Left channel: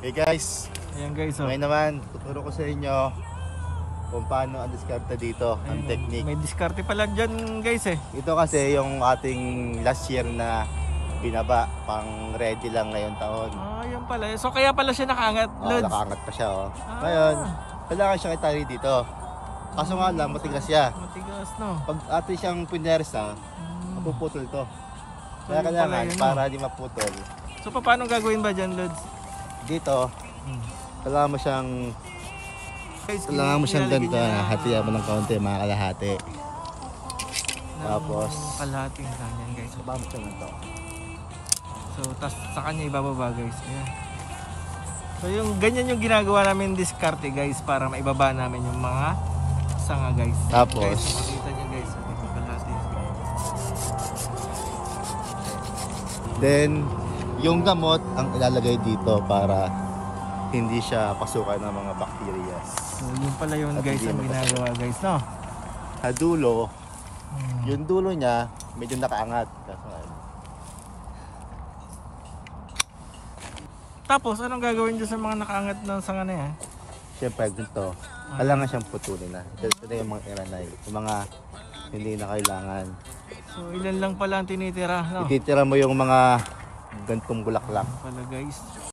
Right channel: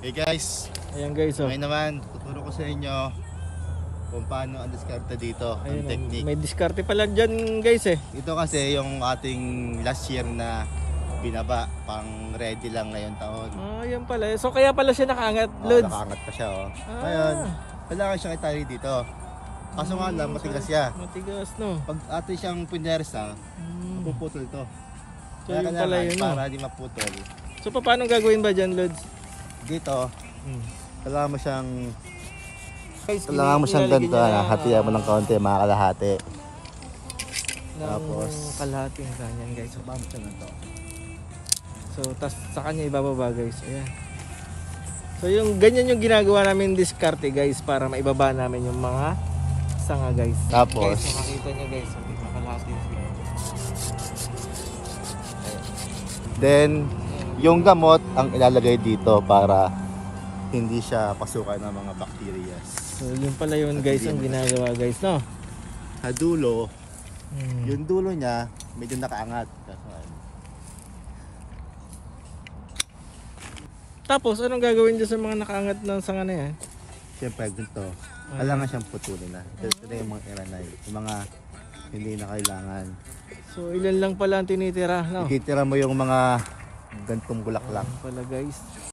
Hey guys, Ayan guys, oh. ngayon naman tuturo ko sa inyo kung paano ang diskarte dito, ang Ayan, technique. may diskarte pala dyan guys eh. Ito kasi yung ating last year na binaba, pang ready lang ngayon taon. Ah, yan pala. So kaya pala siya nakaangat, Oh, Lods. nakaangat pa siya oh. Ngayon, kailangan siyang itali dito. Kaso nga lang, matigas siya. Matigas, no? Pag atin siyang pinersa, mapuputol to. So, Kaya yun kailangan, pala yun, para di maputol. So paano gagawin ba dyan, Lods? Dito, kailangan mo siyang Guys, ganito, niya na- hatian mo ng konti, mga kalahati. Tapos, kalahating ganyan guys. baba mo siya ganito. So tas sa kanya ibababa guys. Ayan. So yung ganyan yung ginagawa namin diskarte guys para maibaba namin yung mga sanga guys. Tapos, Guys, nakikita niyo guys, kalahati. then, yung gamot ang ilalagay dito para hindi siya pasukan ng mga bacteria. So yun pala yun At guys hindi ang mo ginagawa guys, no? Sa dulo, yung dulo niya medyo nakaangat. Kaso, Tapos anong gagawin dyan sa mga nakaangat ng sanga na yan? siyempre, ganito. Kailangan siyang putulin na. Ito na yung mga iranay. Yung mga hindi na kailangan. So ilan lang pala ang tinitira, no? Ititira mo yung mga gantong bulaklak. Pala guys.